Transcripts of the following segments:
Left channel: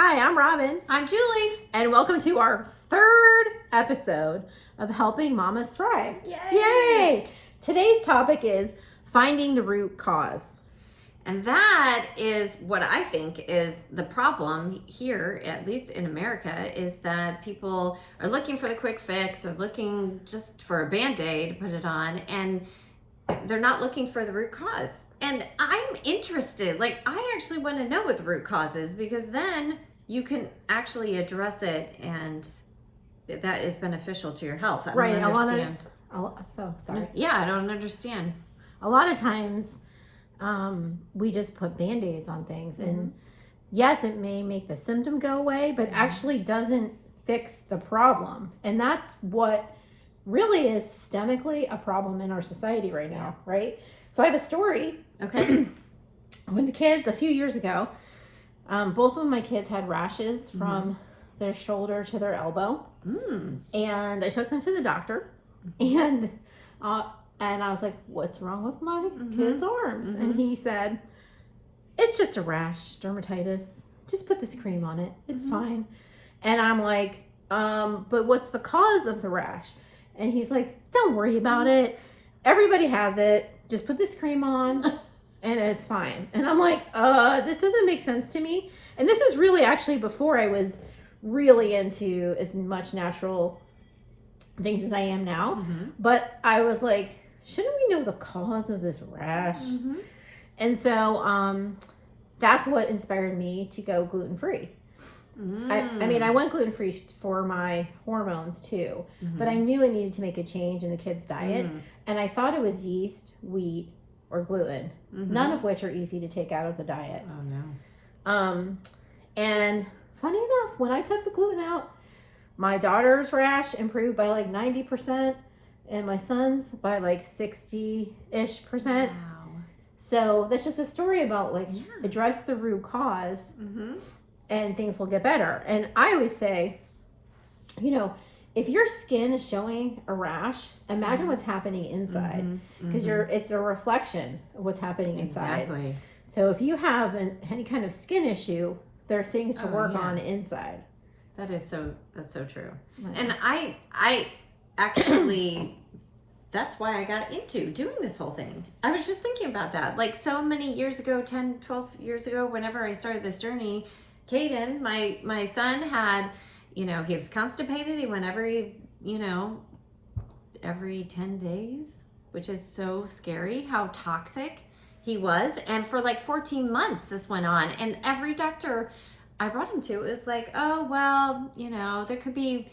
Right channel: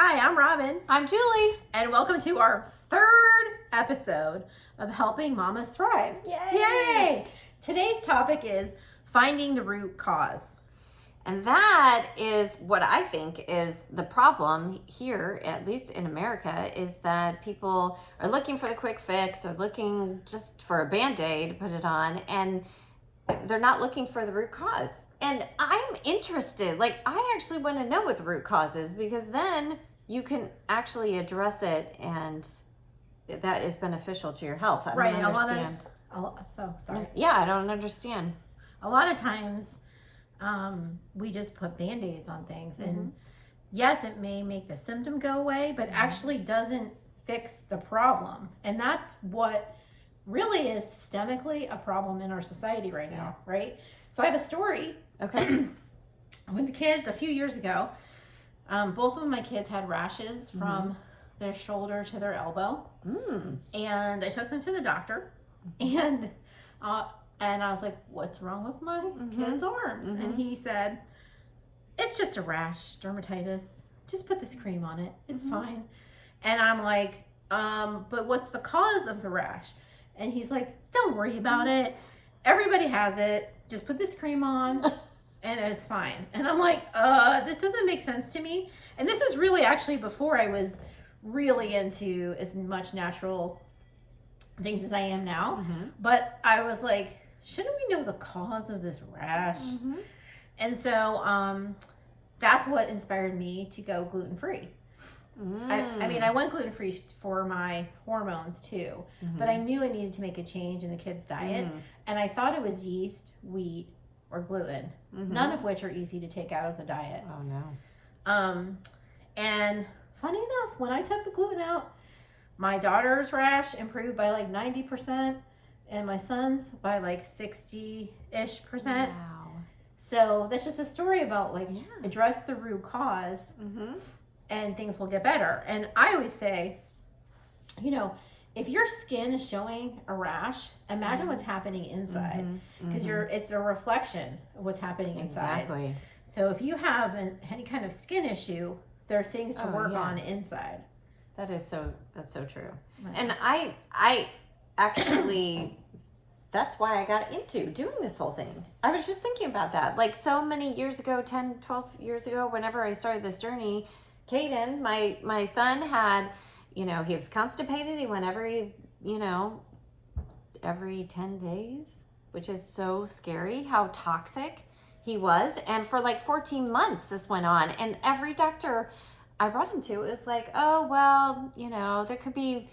Hi, I'm Robyn. I'm Julie. And welcome to our third episode of Helping Mommas Thrive. Yay! Today's topic is finding the root cause. And that is what I think is the problem here, at least in America, is that people are looking for the quick fix or looking just for a Band-Aid to put it on, and they're not looking for the root cause. And I'm interested, I actually want to know what the root cause is, because then you can actually address it, and that is beneficial to your health. I Right. don't understand. I don't understand. A lot of times we just put Band-Aids on things. And yes, it may make the symptom go away, but actually doesn't fix the problem. And that's what really is systemically a problem in our society right now, right? So I have a story. Okay. When the kids, a few years ago, both of my kids had rashes from their shoulder to their elbow. And I took them to the doctor, and I was like, what's wrong with my kid's arms? And he said, it's just a rash, dermatitis. Just put this cream on it. It's fine. And I'm like, but what's the cause of the rash? And he's like, don't worry about it. Everybody has it. Just put this cream on and it's fine. And I'm like, this doesn't make sense to me. And this is really actually before I was really into as much natural things as I am now. But I was like, shouldn't we know the cause of this rash? And so that's what inspired me to go gluten-free. I mean, I went gluten-free for my hormones too, but I knew I needed to make a change in the kids' diet. And I thought it was yeast, wheat, or gluten, none of which are easy to take out of the diet. Oh, no. And funny enough, when I took the gluten out, my daughter's rash improved by like 90%, and my son's by like 60-ish%. Wow. So that's just a story about address the root cause. And things will get better. And I always say, if your skin is showing a rash, imagine what's happening inside, because it's a reflection of what's happening inside. Exactly. So if you have any kind of skin issue, there are things to work on inside. That's so true. Right. And I actually, that's why I got into doing this whole thing. I was just thinking about that. Like so many years ago, 10, 12 years ago, whenever I started this journey, Caden, my son had, he was constipated. He went every 10 days, which is so scary how toxic he was. And for like 14 months this went on. And every doctor I brought him to is like, oh, well, it could be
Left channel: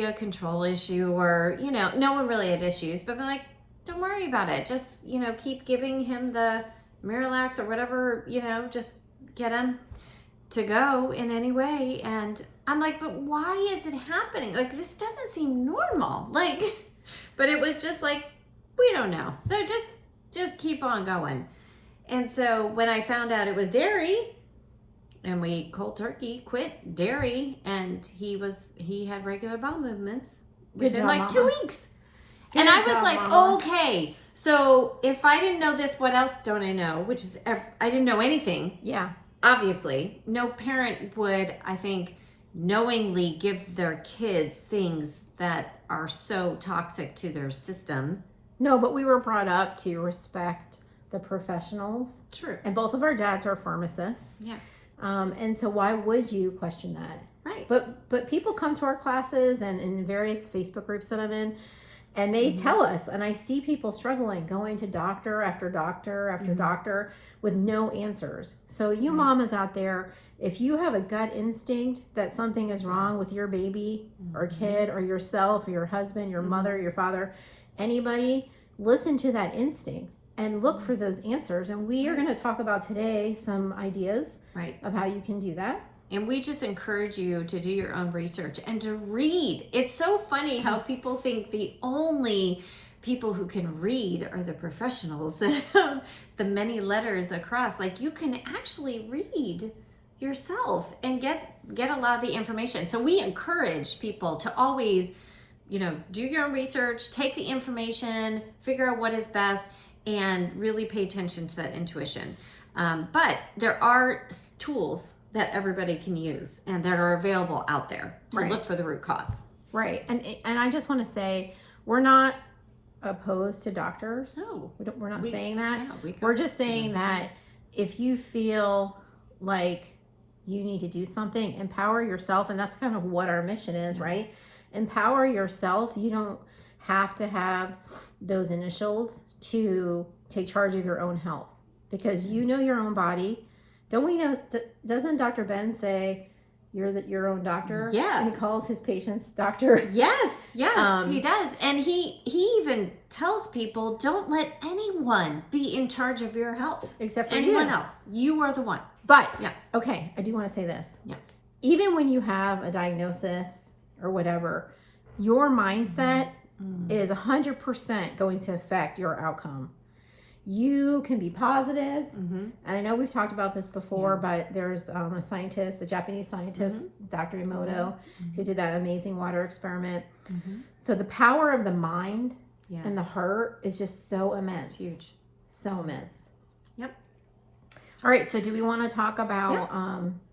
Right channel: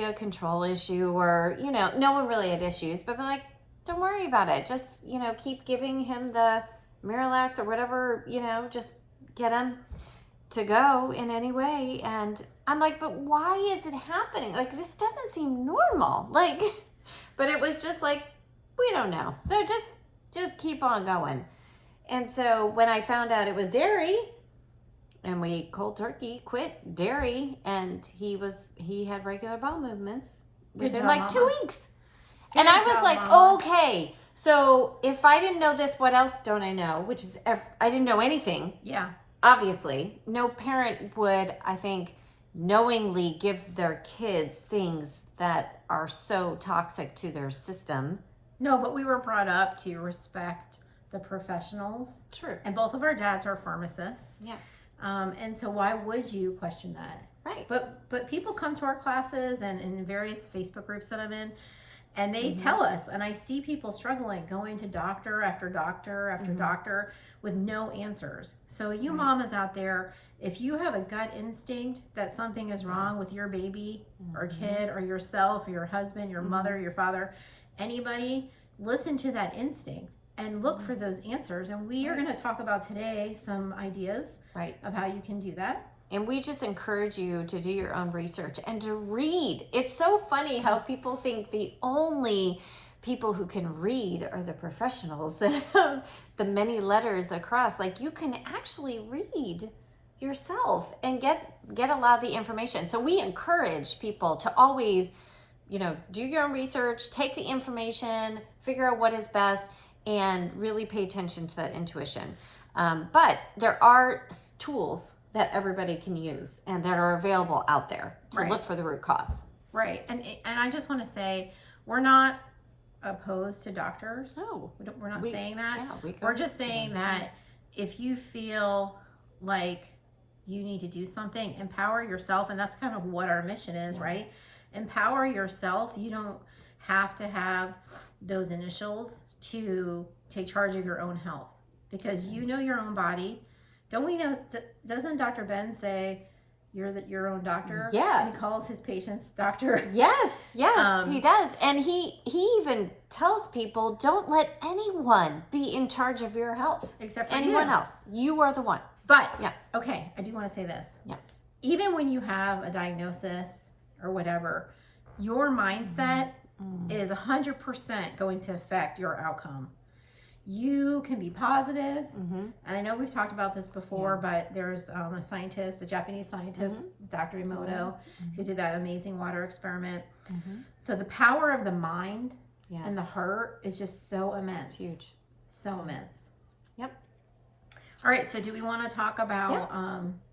a control issue, or, no one really had issues, but they're like, don't worry about it. Just, keep giving him the Miralax or whatever, just get him to go in any way. And I'm like, but why is it happening? Like, this doesn't seem normal. But it was just like, we don't know. So just keep on going. And so when I found out it was dairy, and we cold turkey quit dairy, and he had regular bowel movements within like 2 weeks. And I was like, Mama. Okay, so if I didn't know this, what else don't I know? Which is, I didn't know anything. Yeah. Obviously, no parent would, I think, knowingly give their kids things that are so toxic to their system. No, but we were brought up to respect the professionals. True. And both of our dads are pharmacists. Yeah. And so why would you question that? Right. But people come to our classes and in various Facebook groups that I'm in, and they tell us, and I see people struggling, going to doctor after doctor after doctor with no answers. So you mamas out there, if you have a gut instinct that something is wrong with your baby or kid or yourself or your husband, your mother, your father, anybody, listen to that instinct and look for those answers. And we are going to talk about today some ideas of how you can do that. And we just encourage you to do your own research and to read. It's so funny how people think the only people who can read are the professionals that have the many letters across. Like, you can actually read yourself and get a lot of the information. So we encourage people to always, do your own research, take the information, figure out what is best, and really pay attention to that intuition. But there are tools that everybody can use and that are available out there to Right. look for the root cause. Right. And I just want to say, we're not opposed to doctors. No, We're not saying that. yeah, We're just saying that if you feel like you need to do something, empower yourself. And that's kind of what our mission is, right? Empower yourself. You don't have to have those initials to take charge of your own health, because you know your own body. Don't we know, doesn't Dr. Ben say you're your own doctor? Yeah. And he calls his patients doctor. Yes, he does. And he even tells people, don't let anyone be in charge of your health. Except for anyone you. else. You are the one. But, Yeah. okay, I do want to say this. Yeah. Even when you have a diagnosis or whatever, your mindset is 100% going to affect your outcome. You can be positive. And I know we've talked about this before, but there's a scientist, a Japanese scientist, Dr. Emoto, who did that amazing water experiment. So the power of the mind and the heart is just so immense. It's huge. So immense. Yep. All right, so do we want to talk about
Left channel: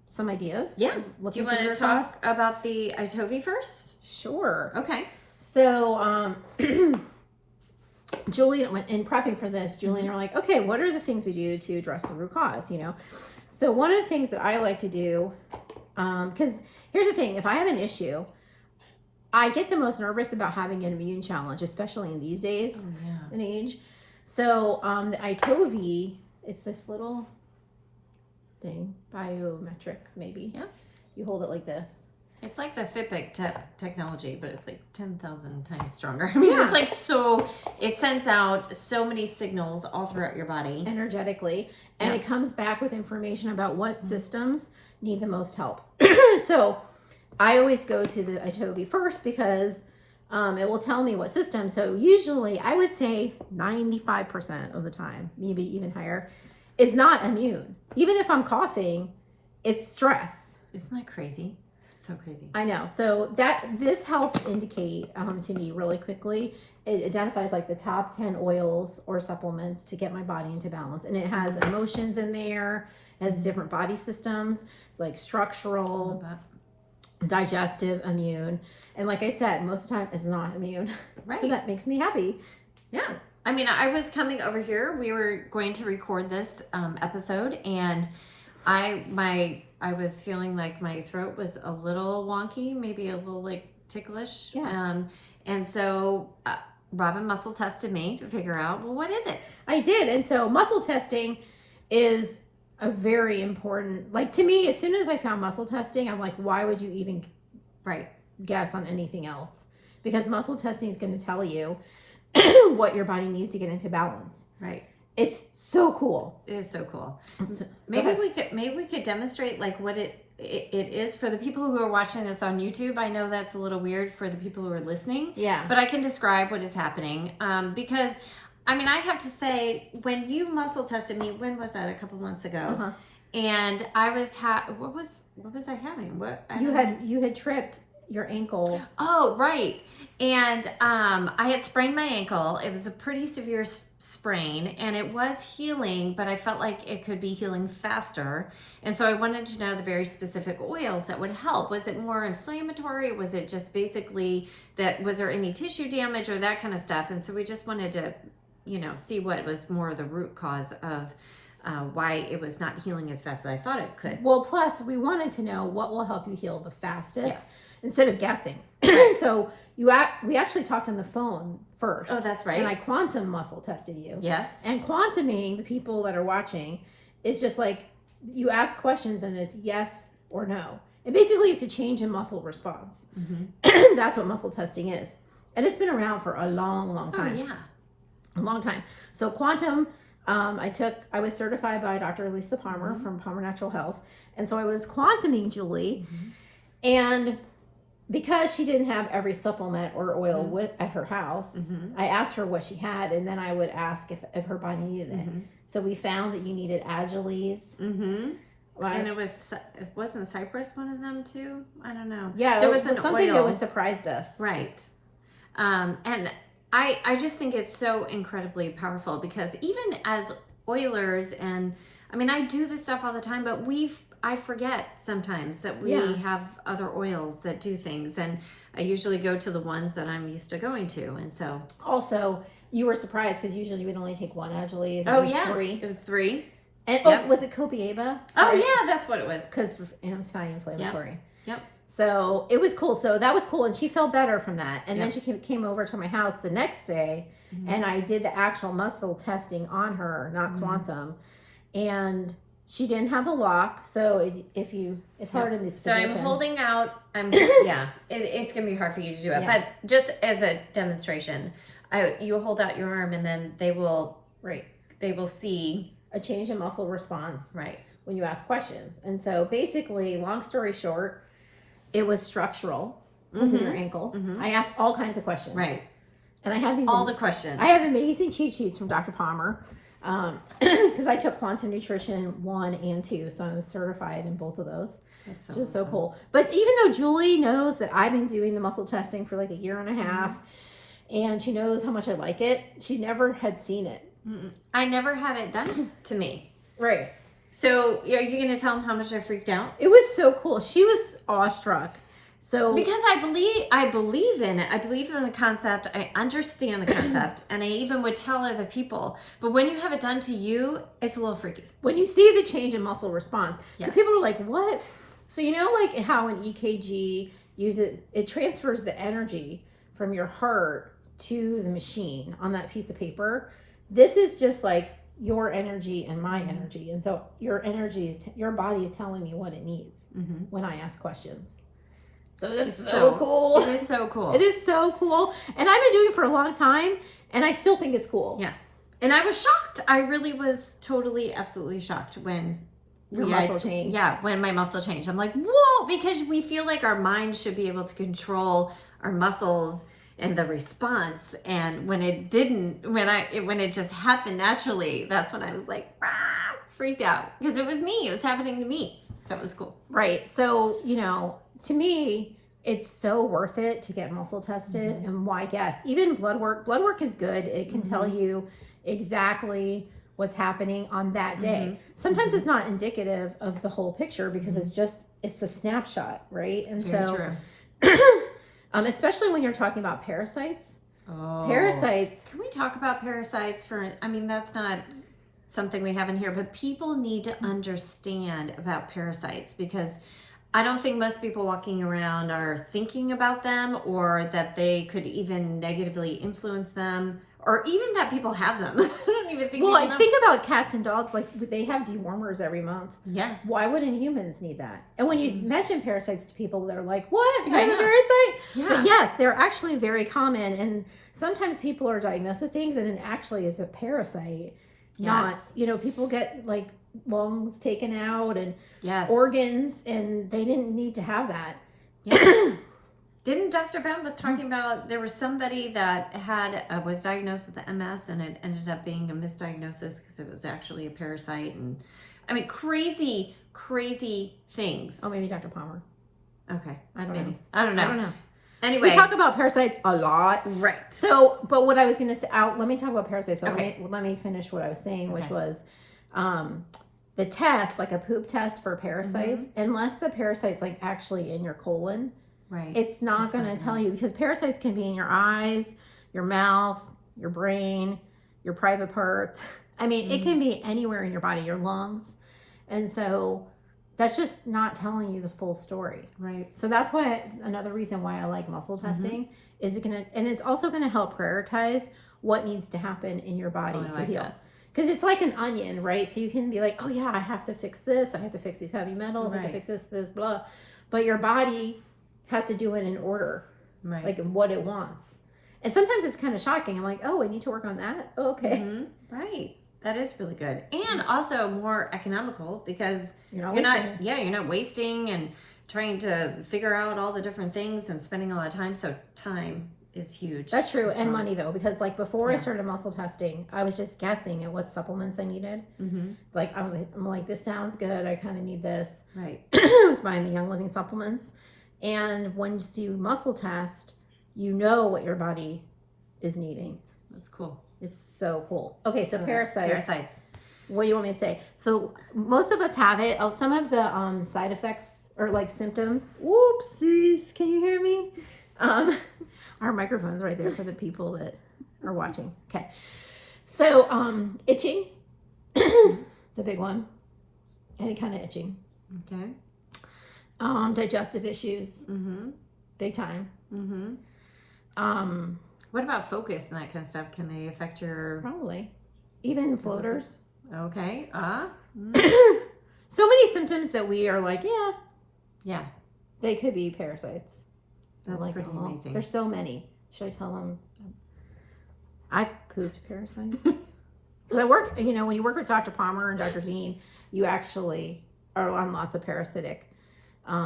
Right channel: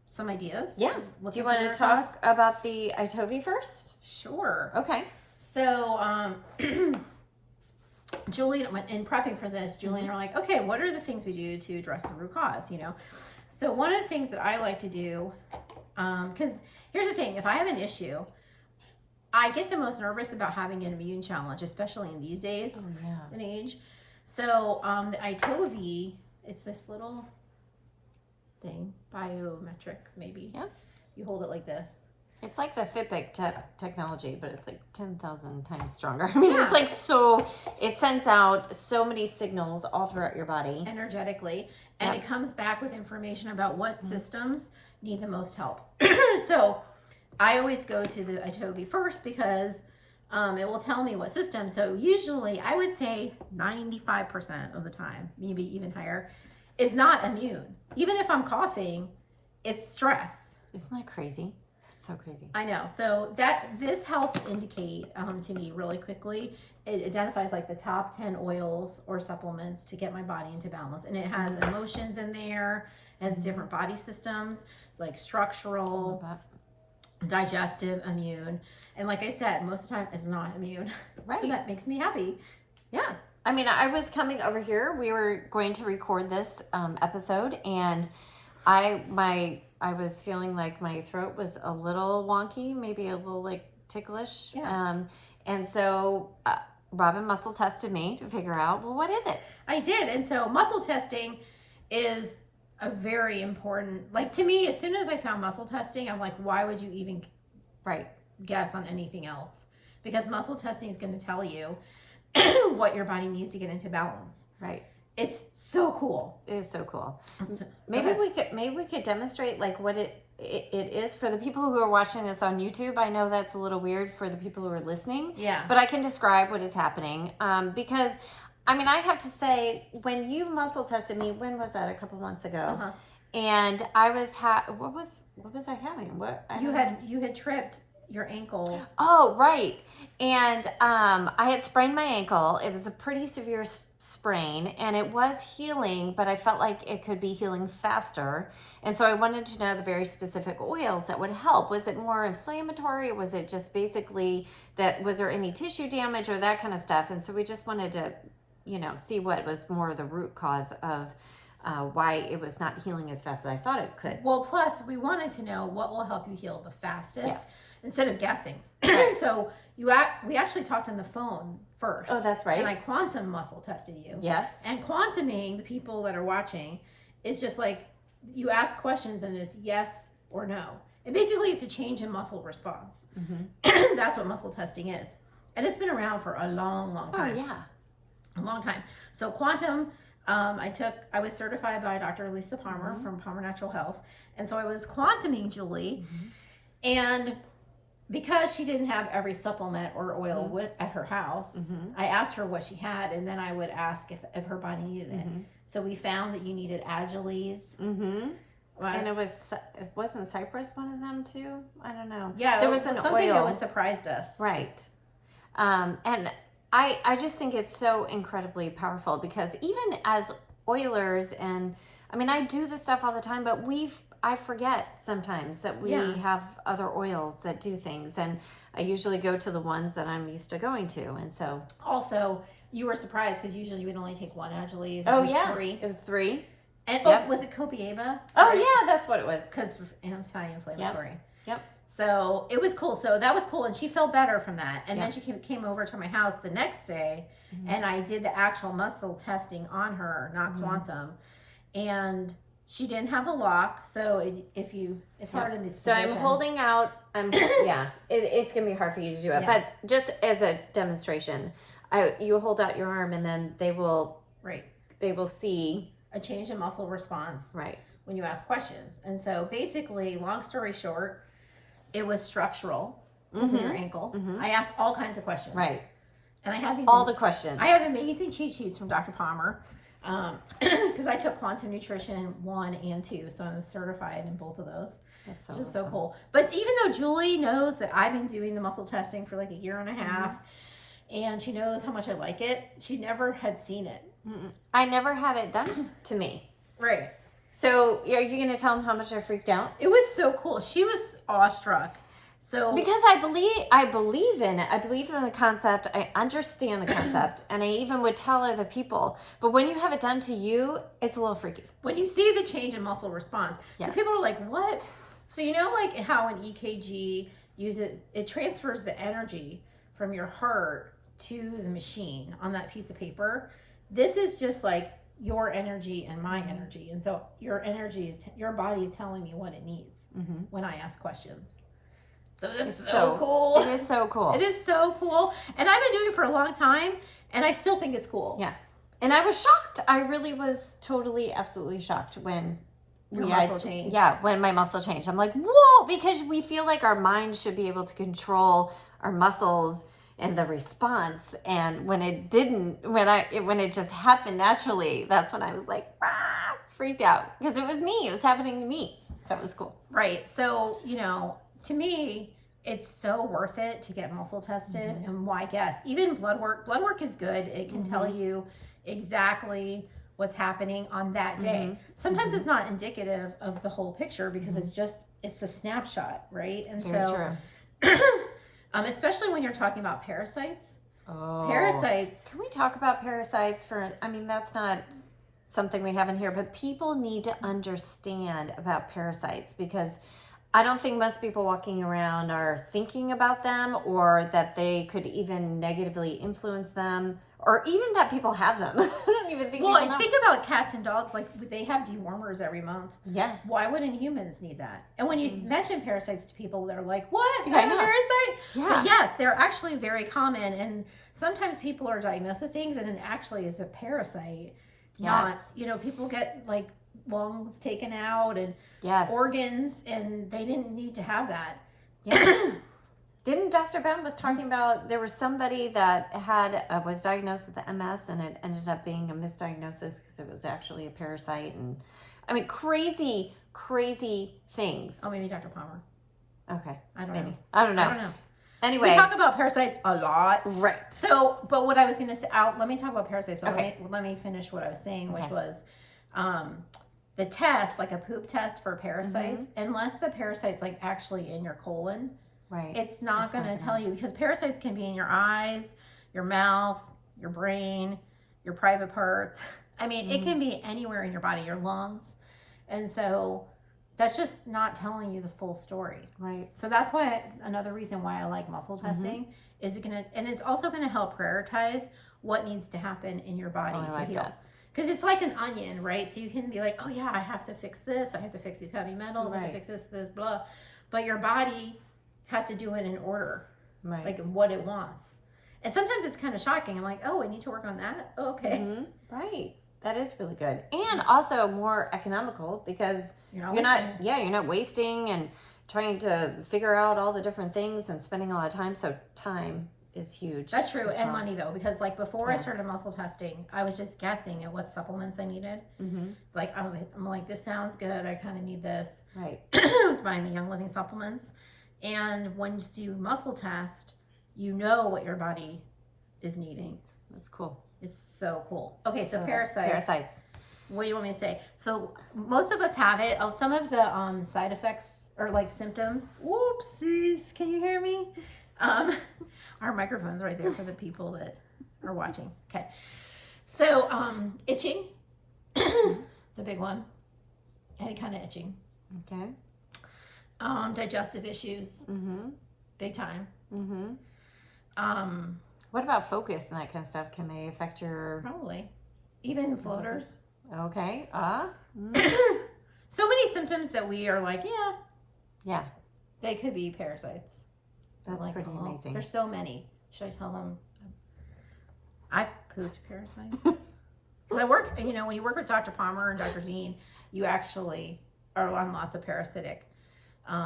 some ideas? Yeah. Do Looking you want to talk about the Itovi first? Sure. Okay. So, Julie, in prepping for this, Julie and I were like, okay, what are the things we do to address the root cause, you know? So one of the things that I like to do, because here's the thing, if I have an issue, I get the most nervous about having an immune challenge, especially in these days and age. So the Itovi, it's this little thing, biometric maybe. Yeah. You hold it like this. It's like the Fitbit technology, but it's like 10,000 times stronger. I mean, it's like it sends out so many signals all throughout your body. Energetically. And it comes back with information about what systems need the most help. So I always go to the Itovi first because it will tell me what system. So usually I would say 95% of the time, maybe even higher, is not immune. Even if I'm coughing, it's stress. Isn't that crazy? So crazy. I know. So this helps indicate to me really quickly. It identifies like the top 10 oils or supplements to get my body into balance. And it has emotions in there, it has different body systems, like structural, digestive, immune. And like I said, most of the time it's not immune. Right. So that makes me happy. Yeah. I mean, I was coming over here. We were going to record this episode, and I was feeling like my throat was a little wonky, maybe a little like ticklish. Yeah. And so Robyn muscle tested me to figure out, well, what is it? I did. And so muscle testing is a very important, like to me, as soon as I found muscle testing, I'm like, why would you even guess on anything else? Because muscle testing is going to tell you what your body needs to get into balance. Right. It's so cool. It is so cool. So, maybe we could demonstrate like what it is for the people who are watching this on YouTube. I know that's a little weird for the people who are listening. Yeah. But I can describe what is happening because I mean, I have to say, when you muscle tested me, when was that? A couple months ago. And I was what was I having? You had tripped your ankle. Oh, right. And I had sprained my ankle. It was a pretty severe sprain, and it was healing, but I felt like it could be healing faster. And so I wanted to know the very specific oils that would help. Was it more inflammatory? Was it just basically was there any tissue damage or that kind of stuff? And so we just wanted to, see what was more the root cause of why it was not healing as fast as I thought it could. Well, plus we wanted to know what will help you heal the fastest instead of guessing. So we actually talked on the phone first. Oh, that's right. And I quantum muscle tested you. Yes. And quantuming, the people that are watching, is just like you ask questions and it's yes or no. And basically it's a change in muscle response. That's what muscle testing is. And it's been around for a long, long time. Oh, yeah. A long time. So quantum, I was certified by Dr. Lisa Palmer from Palmer Natural Health. And so I was quantuming Julie. And because she didn't have every supplement or oil at her house, I asked her what she had, and then I would ask if her body needed it. So we found that you needed Agiles. And it wasn't Cypress one of them too? I don't know. Yeah, there was something oil that was surprised us. Right. And I just think it's so incredibly powerful because even as oilers, and I mean, I do this stuff all the time, but I forget sometimes that we Yeah. have other oils that do things, and I usually go to the ones that I'm used to going to, and so. Also, you were surprised because usually you would only take one Angeles. Oh, It was yeah. 3. It was 3. And Yep. was it Copiaba? Oh, yeah, that's what it was. Because anti-inflammatory. Yep. So it was cool. So that was cool, and she felt better from that. And then Yep. she came over to my house the next day, and I did the actual muscle testing on her, not quantum, and she didn't have a lock. So it's hard in this So position. I'm holding out. It's gonna be hard for you to do it, Yeah. but just as a demonstration, you hold out your arm, and then they will see a change in muscle response right. when you ask questions. And so basically, long story short, it was structural because of your ankle. I asked all kinds of questions. Right. And I have these All the questions. I have amazing cheat sheets from Dr. Palmer because I took quantum nutrition 1 and 2, so I'm certified in both of those. That's Which is so awesome. cool. But even though Julie knows that I've been doing the muscle testing for like a year and a half, and she knows how much I like it, she never had seen it. I never had it done to me. Right. So are you going to tell them how much I freaked out? It was so cool. She was awestruck. So Because I believe in it. I believe in the concept. I understand the concept, and I even would tell other people. But when you have it done to you, it's a little freaky. when you see the change in muscle response, so Yes. people are like, "What?" So you know, like how an EKG it transfers the energy from your heart to the machine on that piece of paper. This is just like your energy and my energy, and so your body is telling me what it needs when I ask questions. So that's so cool. It is so cool. It is so cool, and I've been doing it for a long time, and I still think it's cool. Yeah. And I was shocked. I really was totally, absolutely shocked when Your muscle changed. Yeah, when my muscle changed. I'm like, whoa, because we feel like our mind should be able to control our muscles and the response. And when it didn't, when it just happened naturally, that's when I was like, freaked out because it was me. It was happening to me. That was cool. Right. So, to me, it's so worth it to get muscle tested. And why guess? Even blood work is good. It can tell you exactly what's happening on that day. Sometimes it's not indicative of the whole picture because it's a snapshot, right? And Very so true. especially when you're talking about parasites. Oh. Parasites. Can we talk about parasites that's not something we have in here, but people need to understand about parasites because I don't think most people walking around are thinking about them or that they could even negatively influence them or even that people have them. I don't even think Well, people I know. think about cats and dogs, like they have dewormers every month. Yeah. Why wouldn't humans need that? And when you mention parasites to people, they're like, what? Yeah, I I'm a know. parasite? Yeah. But yes, they're actually very common. And sometimes people are diagnosed with things and it actually is a parasite. Not, Yes. People get like lungs taken out and Yes. organs, and they didn't need to have that. Yeah. Didn't Dr. Ben was talking about there was somebody that was diagnosed with the MS and it ended up being a misdiagnosis because it was actually a parasite and crazy things. Oh, maybe Dr. Palmer. Okay. I don't Maybe. know. I don't know. I don't know. Anyway. We talk about parasites a lot. Right. So, but what I was going to say, let me talk about parasites, but Okay. let me finish what I was saying, which Okay. was the test, like a poop test for parasites, unless the parasite's like actually in your colon, Right. it's not going to tell you because parasites can be in your eyes, your mouth, your brain, your private parts. It can be anywhere in your body, your lungs. And so that's just not telling you the full story. Right. So that's why another reason why I like muscle testing is it's also going to help prioritize what needs to happen in your body to like heal. that. Because it's like an onion, right? So you can be like, oh yeah, I have to fix this. I have to fix these heavy metals. I have to Right. fix this, blah. But your body has to do it in order, Right. like what it wants. And sometimes it's kind of shocking. I'm like, oh, I need to work on that. Oh, okay. Right. That is really good. And also more economical because You're you're wasting not wasting and trying to figure out all the different things and spending a lot of time. So time is huge. That's true. as And well. money though, because like before I started muscle testing, I was just guessing at what supplements I needed. Like I'm like, this sounds good. I kind of need this. Right. I was buying the Young Living supplements. And once you muscle test, you know what your body is needing. That's cool. It's so cool. Okay, so parasites. What do you want me to say? So most of us have it. Some of the side effects or like symptoms. Whoopsies! Can you hear me? Our microphone's right there for the people that are watching. Okay. So itching. It's a big one. Any kind of itching. Okay. Digestive issues. Big time. What about focus and that kind of stuff? Can they affect your... Probably. Even floaters. Okay. So many symptoms that we are like, Yeah. they could be parasites. That's like, pretty amazing. There's so many. Should I tell them? I've pooped parasites. Because I work, when you work with Dr. Palmer and Dr. Dean, you actually are on lots of parasitic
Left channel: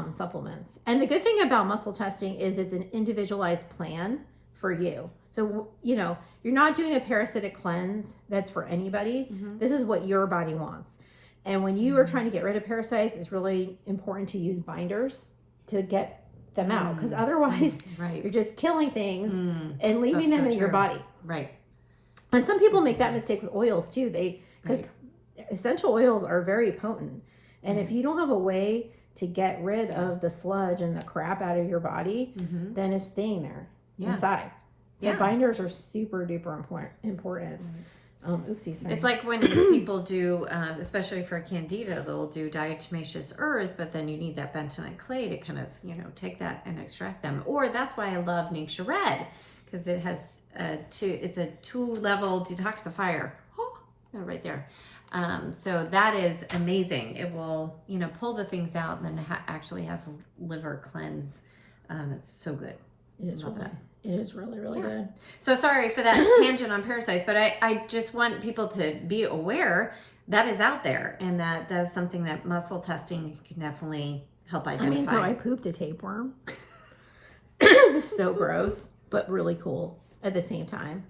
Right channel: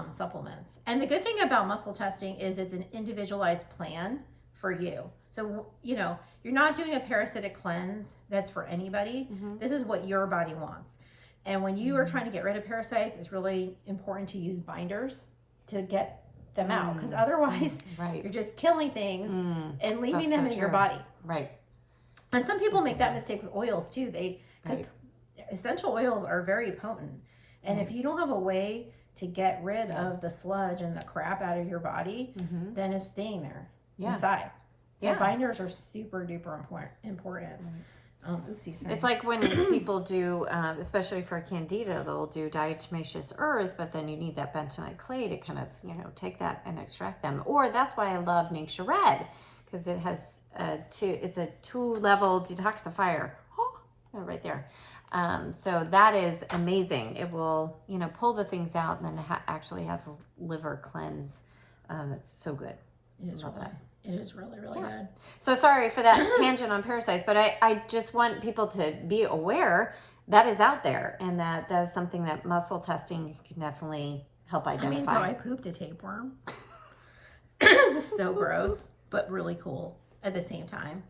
supplements. And the good thing about muscle testing is it's an individualized plan for you. So, you're not doing a parasitic cleanse that's for anybody. This is what your body wants. And when you are trying to get rid of parasites, it's really important to use binders to get them out. Because otherwise, you're just killing things and leaving them in your body. Right. And some people make that mistake with oils too. Because essential oils are very potent. And if you don't have a way to get rid of the sludge and the crap out of your body, then it's staying there inside. So binders are super duper important. Oopsie, sorry. It's like when people do, especially for candida, they'll do diatomaceous earth, but then you need that bentonite clay to kind of, take that and extract them. Or that's why I love Ningxia Red, because it has it's a 2-level detoxifier. Oh, right there. So that is amazing. It will, pull the things out and then actually have a liver cleanse. It's so good. It is really, really good. So sorry for that tangent on parasites, but I just want people to be aware that is out there and that is something that muscle testing can definitely help identify. So I pooped a tapeworm. It was so gross, but really cool at the same time.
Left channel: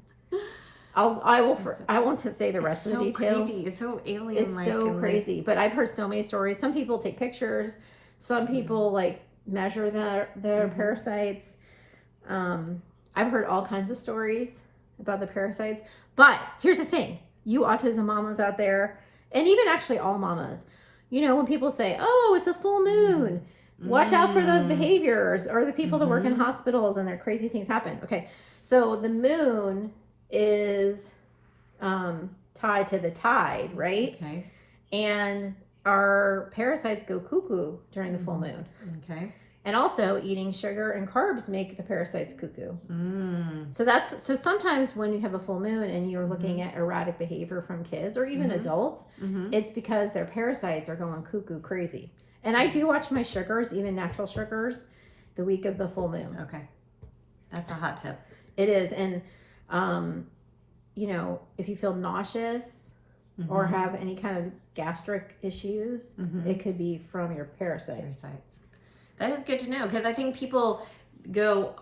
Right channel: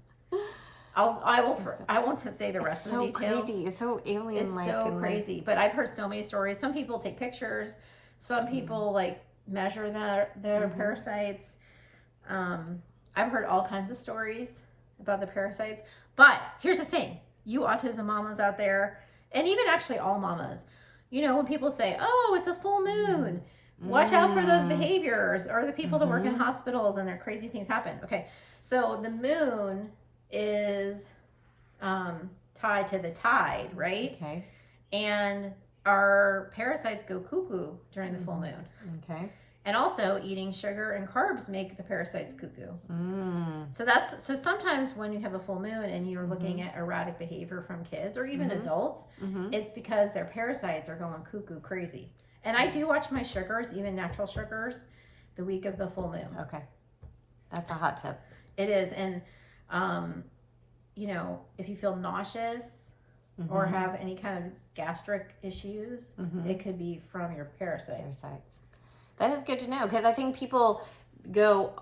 I won't say the rest of the details. Crazy. It's so alien. It's so crazy. But I've heard so many stories. Some people take pictures. Some people measure their parasites. I've heard all kinds of stories about the parasites. But here's the thing. You autism mamas out there, and even actually all mamas, when people say, oh, it's a full moon, watch out for those behaviors, or the people that work in hospitals and their crazy things happen. Okay. So the moon is tied to the tide, right? Okay. And our parasites go cuckoo during the full moon. Okay. And also eating sugar and carbs make the parasites cuckoo. So sometimes when you have a full moon and you're looking at erratic behavior from kids or even adults, it's because their parasites are going cuckoo crazy. And I do watch my sugars, even natural sugars, the week of the full moon. Okay. That's a hot tip. It is. And, if you feel nauseous or have any kind of gastric issues, it could be from your parasites. That is good to know, because I think people go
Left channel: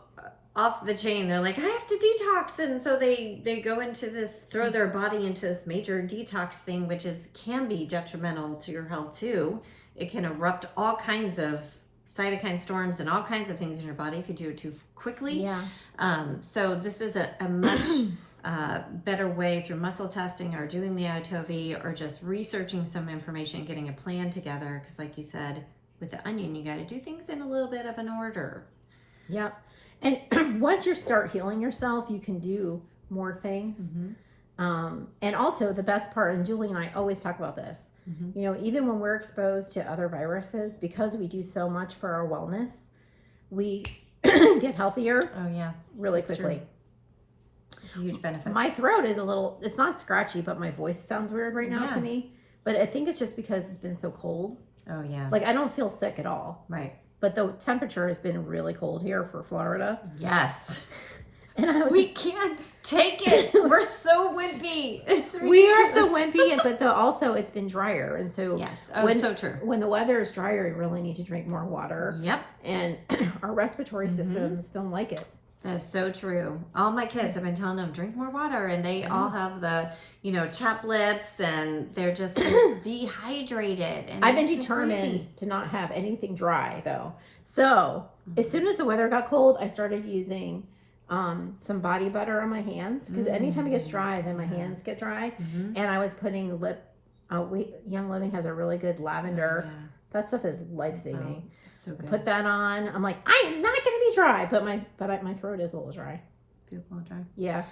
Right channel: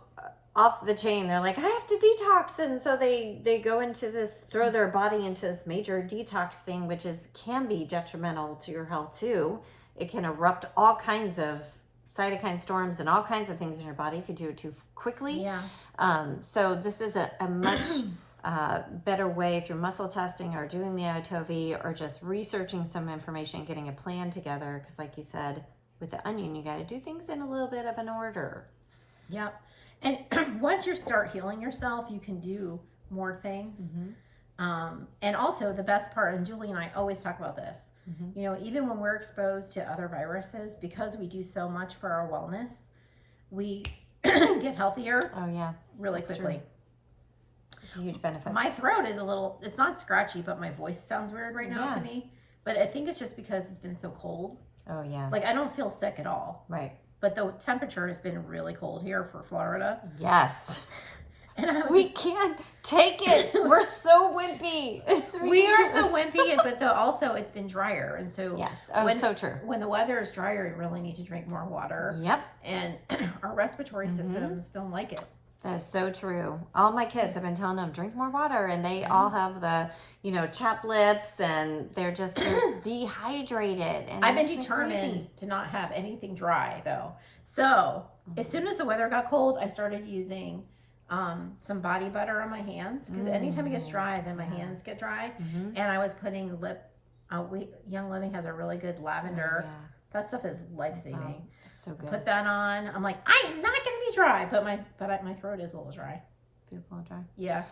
off the chain. They're like, I have to detox. And so they go into this, throw their body into this major detox thing, which can be detrimental to your health too. It can erupt all kinds of cytokine storms and all kinds of things in your body if you do it too quickly. Yeah. So this is a much better way through muscle testing or doing the ITOV or just researching some information, getting a plan together. Because like you said, with the onion, you got to do things in a little bit of an order. Yeah. And once you start healing yourself, you can do more things. And also the best part, and Julie and I always talk about this, even when we're exposed to other viruses, because we do so much for our wellness, we get healthier. Oh yeah. Really quickly. True. It's a huge benefit. My throat is it's not scratchy, but my voice sounds weird right now to me. But I think it's just because it's been so cold. Oh yeah. I don't feel sick at all. Right. But the temperature has been really cold here for Florida. Yes. And we can't take it. We're so wimpy. We are so wimpy, but also it's been drier, and so yes, so true. When the weather is drier, you really need to drink more water. Yep. And our respiratory systems don't like it. That is so true. All my kids have been telling them, drink more water, and they all have the, chapped lips, and they're dehydrated. And I've been determined to not have anything dry, though. So as soon as the weather got cold, I started using some body butter on my hands, because anytime it gets dry, then my hands get dry. And I was putting lip Young Living has a really good lavender. Yeah. That stuff is life-saving. Oh, it's so good. Put that on. I'm like, I am not going to be dry, but my throat is a little dry. Feels a little dry. Yeah.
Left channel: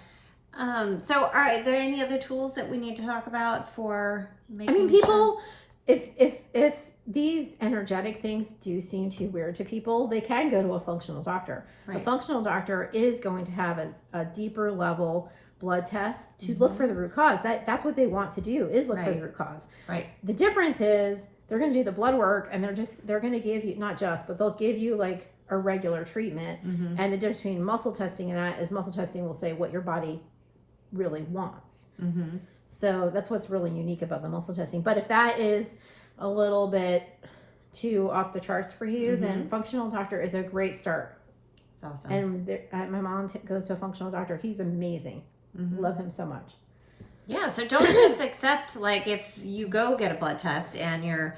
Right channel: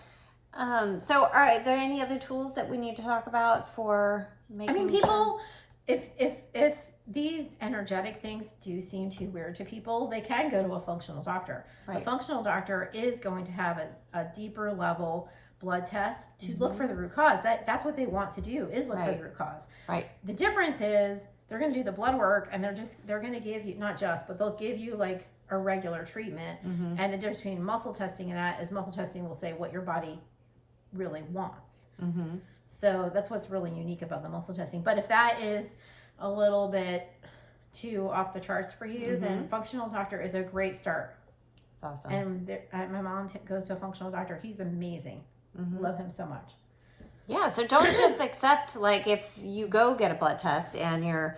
So are there any other tools that we need to talk about for making I mean, people, if these energetic things do seem too weird to people, they can go to a functional doctor. Right. A functional doctor is going to have a deeper level blood test to look for the root cause. That's what they want to do, is look for the root cause. Right. The difference is they're going to do the blood work, and they're going to give you, but they'll give you like a regular treatment. And the difference between muscle testing and that is muscle testing will say what your body really wants. So that's what's really unique about the muscle testing. But if that is a little bit too off the charts for you, then functional doctor is a great start. It's awesome. And my mom goes to a functional doctor. He's amazing. Love him so much. Yeah, so don't just accept, like, if you go get a blood test and your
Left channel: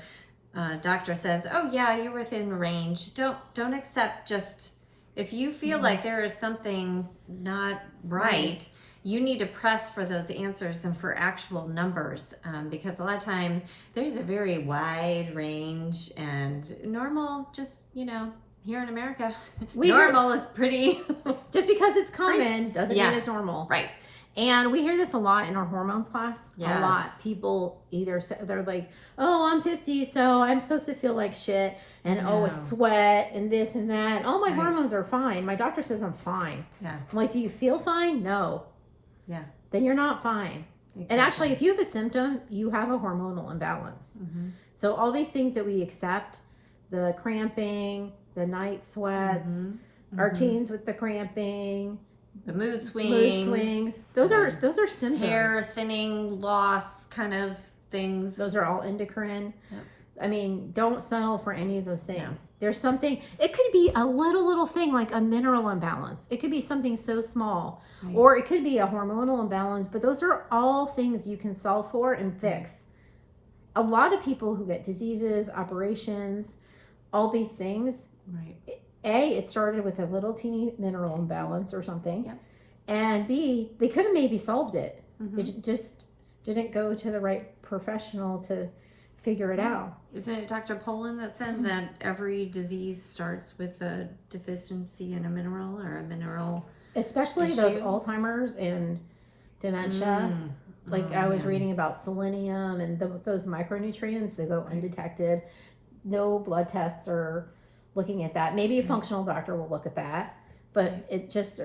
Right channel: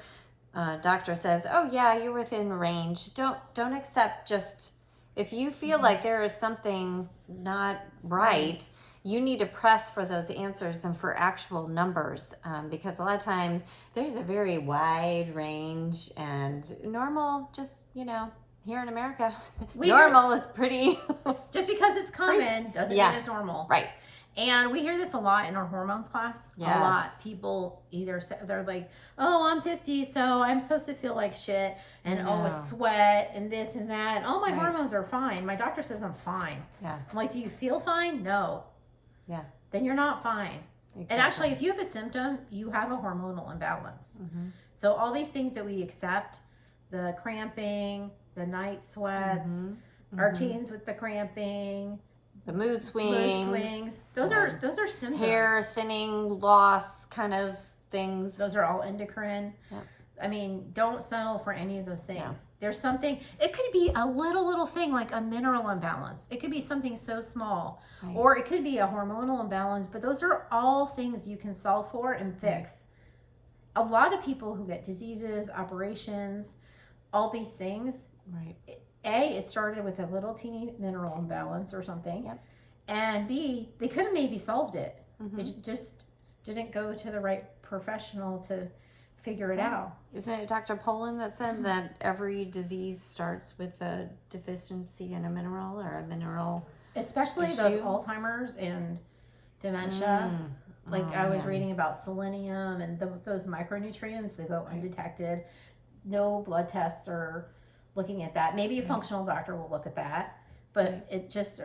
doctor says, oh yeah, you're within range, don't accept just, if you feel like there is something not right, you need to press for those answers and for actual numbers, because a lot of times there's a very wide range, and normal, just, here in America, normal is pretty... Just because it's common doesn't mean it's normal. Right. And we hear this a lot in our hormones class. Yes. A lot. People either say, they're like, oh, I'm 50, so I'm supposed to feel like shit, and it's sweat and this and that. And, oh, my hormones are fine. My doctor says I'm fine. Yeah. I'm like, do you feel fine? No. Yeah. Then you're not fine. Exactly. And actually, if you have a symptom, you have a hormonal imbalance. So all these things that we accept, the cramping, the night sweats, our teens with the cramping, the mood swings, those are symptoms. Hair thinning, loss kind of things. Those are all endocrine. Yep. I mean, don't settle for any of those things. Yeah. There's something, it could be a little thing like a mineral imbalance. It could be something so small, or it could be a hormonal imbalance, but those are all things you can solve for and fix. A lot of people who get diseases, operations, all these things, it started with a little teeny mineral imbalance or something. Yep. And B, they could have maybe solved it. They just didn't go to the right professional to figure it out. Isn't it Dr. Poland that said that every disease starts with a deficiency in a mineral or a mineral Especially those Alzheimer's and dementia. I was reading about selenium and those micronutrients that go undetected. No blood tests are looking at that. Maybe a functional doctor will look at that, but a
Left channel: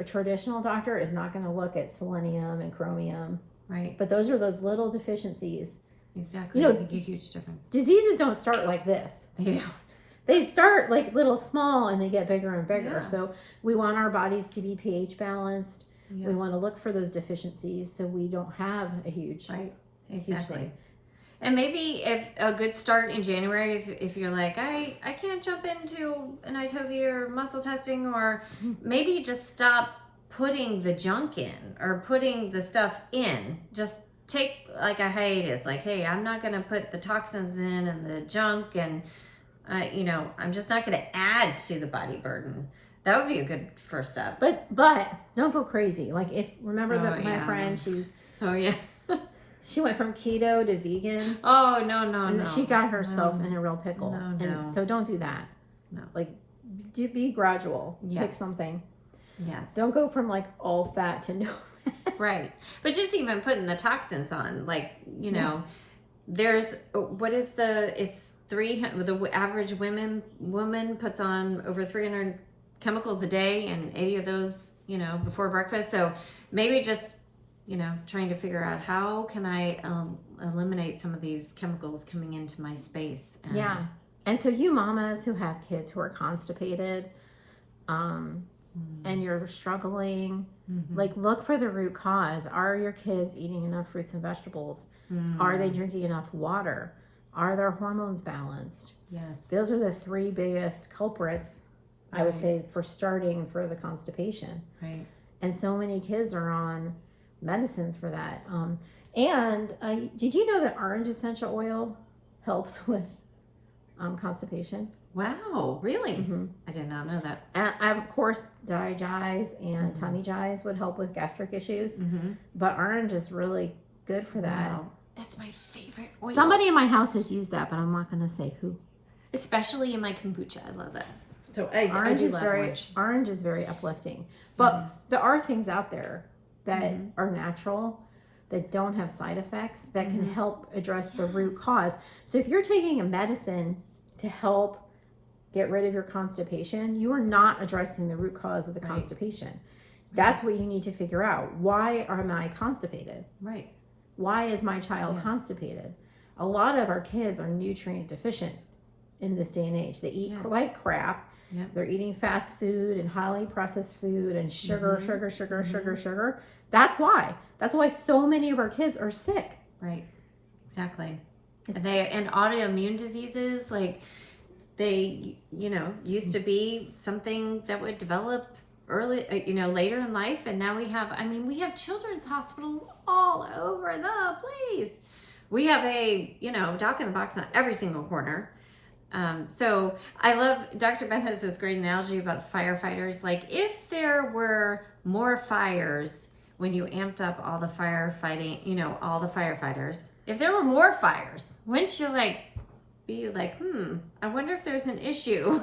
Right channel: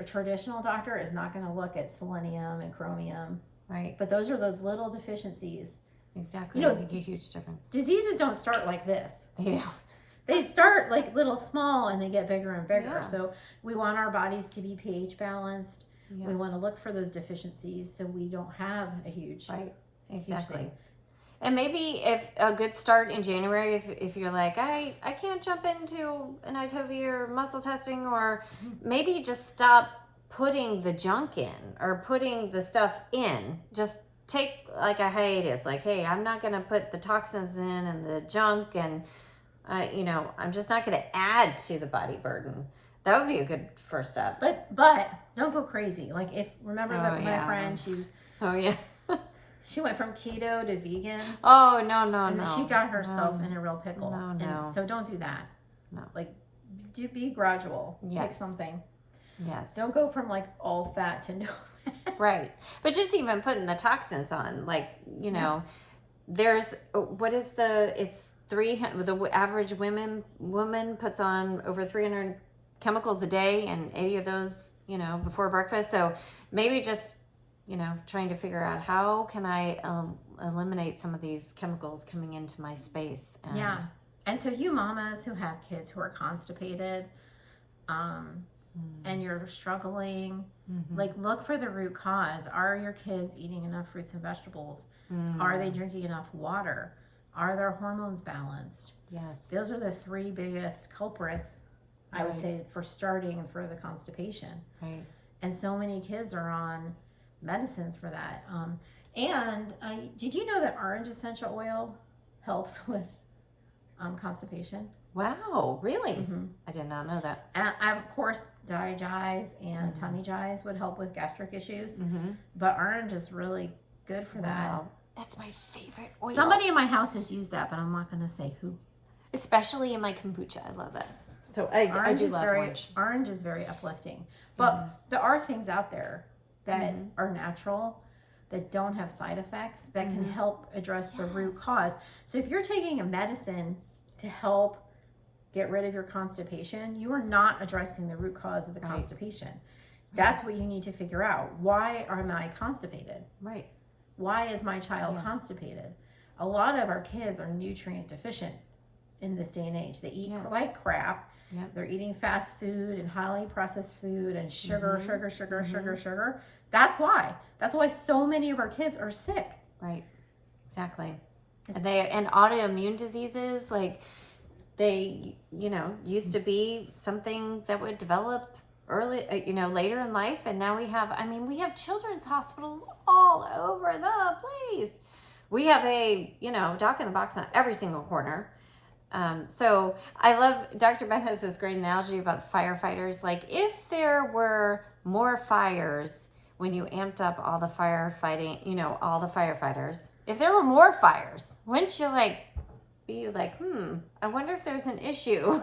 traditional doctor is not going to look at selenium and chromium. Right. But those are those little deficiencies. Exactly. They make a huge difference. Diseases don't start like this. They start like little small and they get bigger and bigger. Yeah. So we want our bodies to be pH balanced. Yeah. We want to look for those deficiencies so we don't have a huge, huge thing. And maybe if a good start in January, if you're like, I can't jump into an ITOV or muscle testing, or maybe just stop putting the junk in or putting the stuff in. Just take like a hiatus. Like, hey, I'm not going to put the toxins in and the junk, and I'm just not going to add to the body burden. That would be a good first step. But don't go crazy. Like my friend, she went from keto to vegan. Oh, no. She got herself in a real pickle. No. And so don't do that. No. Like, be gradual. Yes. Pick something. Yes. Don't go from like all fat to no fat. Right. But just even putting the toxins on, like, there's, it's the average woman puts on over 300 chemicals a day, and 80 of those, before breakfast. So maybe just, trying to figure out how can I eliminate some of these chemicals coming into my space. And so you mamas who have kids who are constipated, and you're struggling, like, look for the root cause. Are your kids eating enough fruits and vegetables? Are they drinking enough water? Are their hormones balanced? Yes. Those are the three biggest culprits, I would say, for starting for the constipation. Right. And so many kids are on medicines for that. Did you know that orange essential oil helps with constipation? Wow, really? I did not know that. And of course, digize and tummy jize would help with gastric issues, but orange is really good for that. Wow. That's my favorite oil. Somebody in my house has used that, but I'm not going to say who. Especially in my kombucha. I love that. So Orange I is love very orange is very uplifting. But there are things out there that are natural, that don't have side effects, that can help address the root cause. So if you're taking a medicine to help get rid of your constipation, you are not addressing the root cause of the constipation. That's what you need to figure out. Why am I constipated? Right. Why is my child constipated? A lot of our kids are nutrient deficient in this day and age. They eat like crap. Yep. They're eating fast food and highly processed food and sugar. That's why. That's why so many of our kids are sick. Right. Exactly. And autoimmune diseases, like they, used to be something that would develop early, later in life. And now we have children's hospitals all over the place. We have a, doc in the box on every single corner. So I love, Dr. Ben has this great analogy about the firefighters. Like if there were more fires when you amped up all the firefighting, all the firefighters, if there were more fires, wouldn't you be like, I wonder if there's an issue.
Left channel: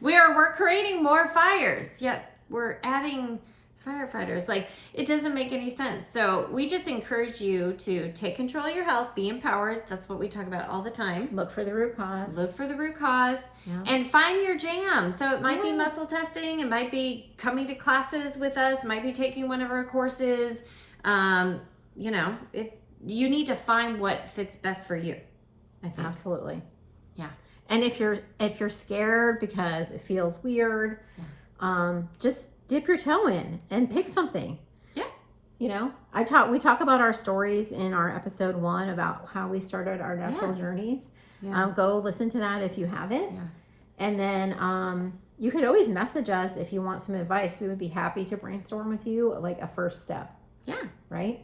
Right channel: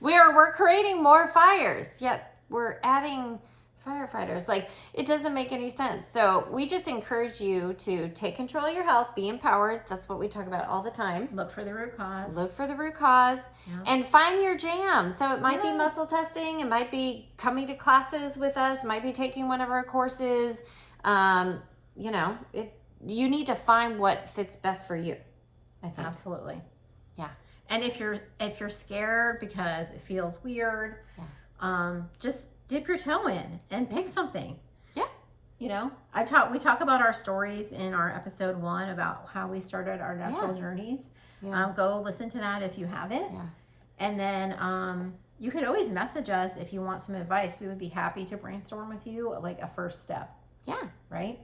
We're creating more fires, yet we're adding firefighters. Like it doesn't make any sense. So we just encourage you to take control of your health, be empowered. That's what we talk about all the time. Look for the root cause. And find your jam. So it might be muscle testing. It might be coming to classes with us. It might be taking one of our courses. You need to find what fits best for you. I think. Absolutely. Yeah. And if you're scared because it feels weird, just dip your toe in and pick something. Yeah. We talk about our stories in our episode 1 about how we started our natural journeys. Yeah. Go listen to that if you haven't. Yeah. And then you could always message us if you want some advice. We would be happy to brainstorm with you, like a first step. Yeah. Right?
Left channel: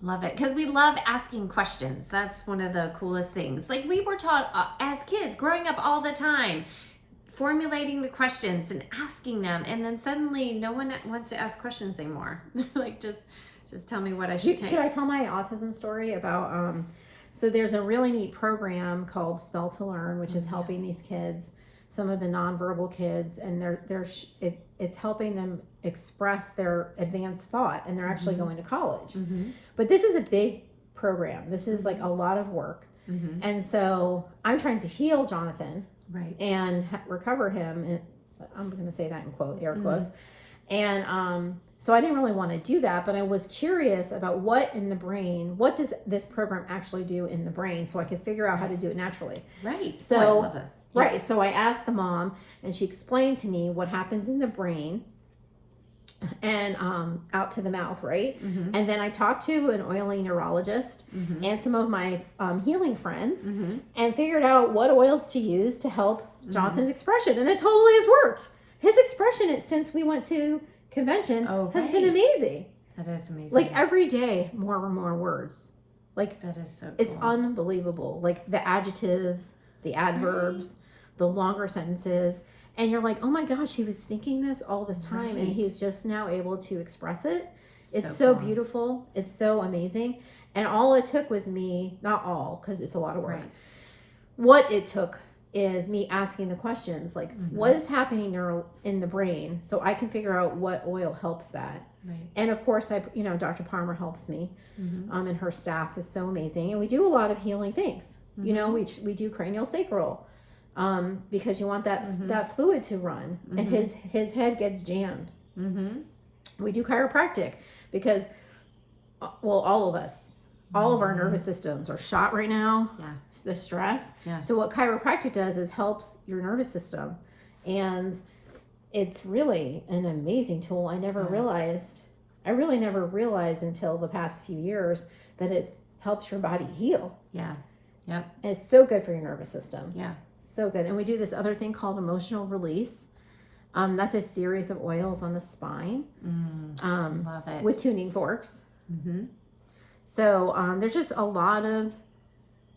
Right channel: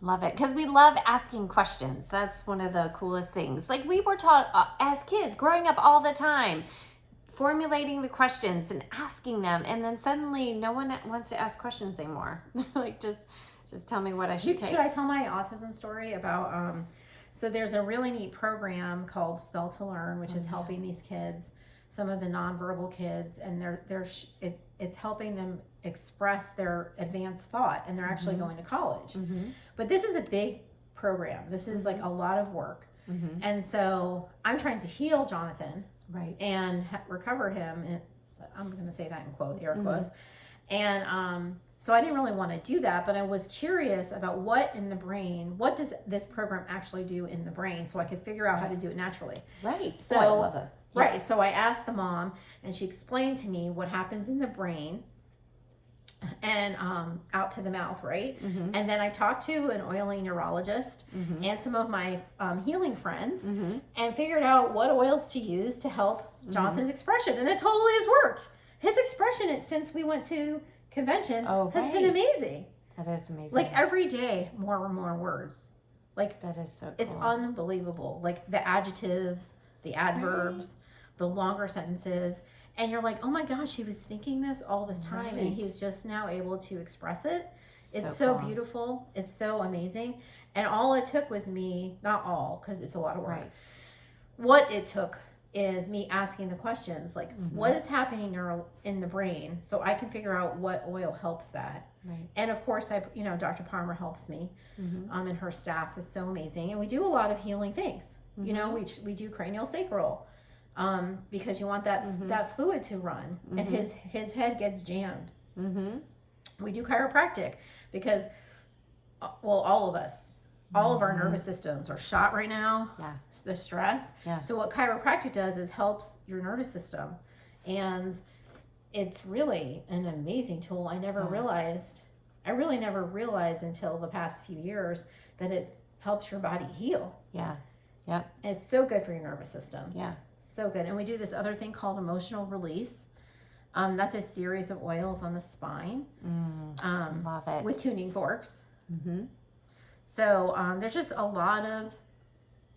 Love it. Because we love asking questions. That's one of the coolest things. Like we were taught as kids growing up all the time, formulating the questions and asking them. And then suddenly no one wants to ask questions anymore. Like just tell me what I should take. Should I tell my autism story about, so there's a really neat program called Spell to Learn, which is helping these kids, some of the nonverbal kids, and it's helping them express their advanced thought, and they're actually going to college. But this is a big program. This is like a lot of work. And so I'm trying to heal Jonathan and recover him. And I'm going to say that in air quotes. And so I didn't really want to do that, but I was curious about what does this program actually do in the brain, so I could figure out how to do it naturally. Right. So, I love this. Yeah. Right. So I asked the mom, and she explained to me what happens in the brain and out to the mouth, right? And then I talked to an oily neurologist and some of my healing friends and figured out what oils to use to help Jonathan's expression. And it totally has worked. His expression since we went to convention has been amazing. That is amazing. Like every day, more and more words. Like that is so cool. It's unbelievable. Like the adjectives, the adverbs, the longer sentences. And you're like, oh my gosh, he was thinking this all this time and he's just now able to express it. It's so cool. beautiful. It's so amazing. And all it took was me, not all, because it's a lot of work. Right. What it took is me asking the questions, like what is happening in the brain, so I can figure out what oil helps that. Right. And of course, Dr. Palmer helps me, and her staff is so amazing. And we do a lot of healing things. We do cranial sacral, because you want that fluid to run, and his head gets jammed. We do chiropractic because, all of us, all of our nervous systems are shot right now. Yeah. The stress. Yeah. So what chiropractic does is helps your nervous system, and it's really an amazing tool. I really never realized until the past few years that it helps your body heal. Yeah. Yep. And it's so good for your nervous system. Yeah. So good. And we do this other thing called emotional release. That's a series of oils on the spine. Love it. With tuning forks. So there's just a lot of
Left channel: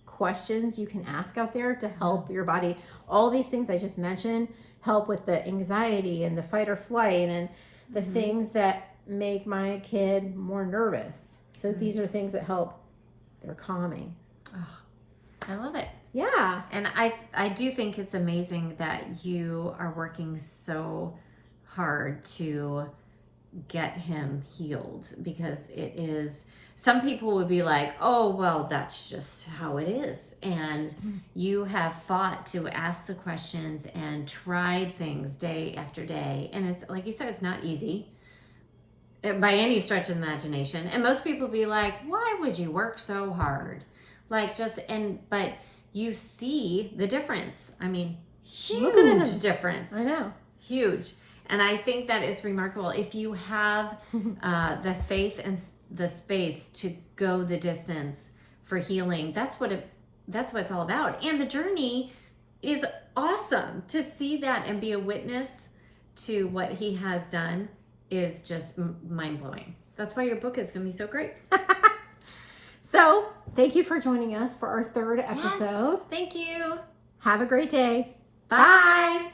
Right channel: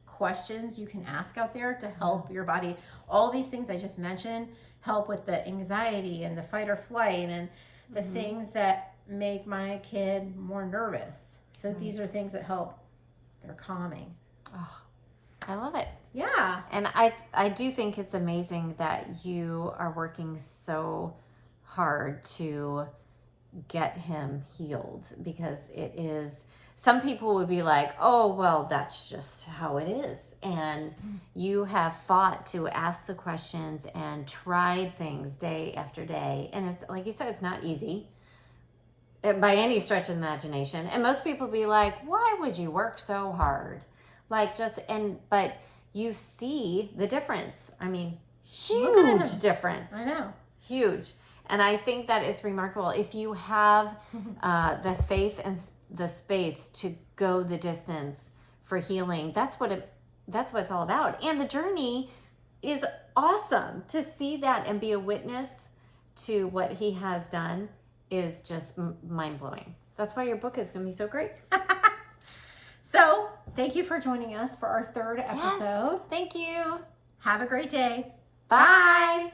questions you can ask out there to help your body. All these things I just mentioned help with the anxiety and the fight or flight and the things that make my kid more nervous. So these are things that help they're calming. Oh, I love it. Yeah. And I do think it's amazing that you are working so hard to get him healed, because it is, some people would be like, oh, well, that's just how it is. And you have fought to ask the questions and tried things day after day. And it's like you said, it's not easy by any stretch of the imagination. And most people be like, why would you work so hard? Like but you see the difference. I mean, huge difference. I know. Huge. And I think that is remarkable. If you have the faith and the space to go the distance for healing, that's what it's all about. And the journey is awesome. To see that and be a witness to what he has done is just mind-blowing. That's why your book is going to be so great. So, thank you for joining us for our third episode. Yes, thank you. Have a great day. Bye. Bye.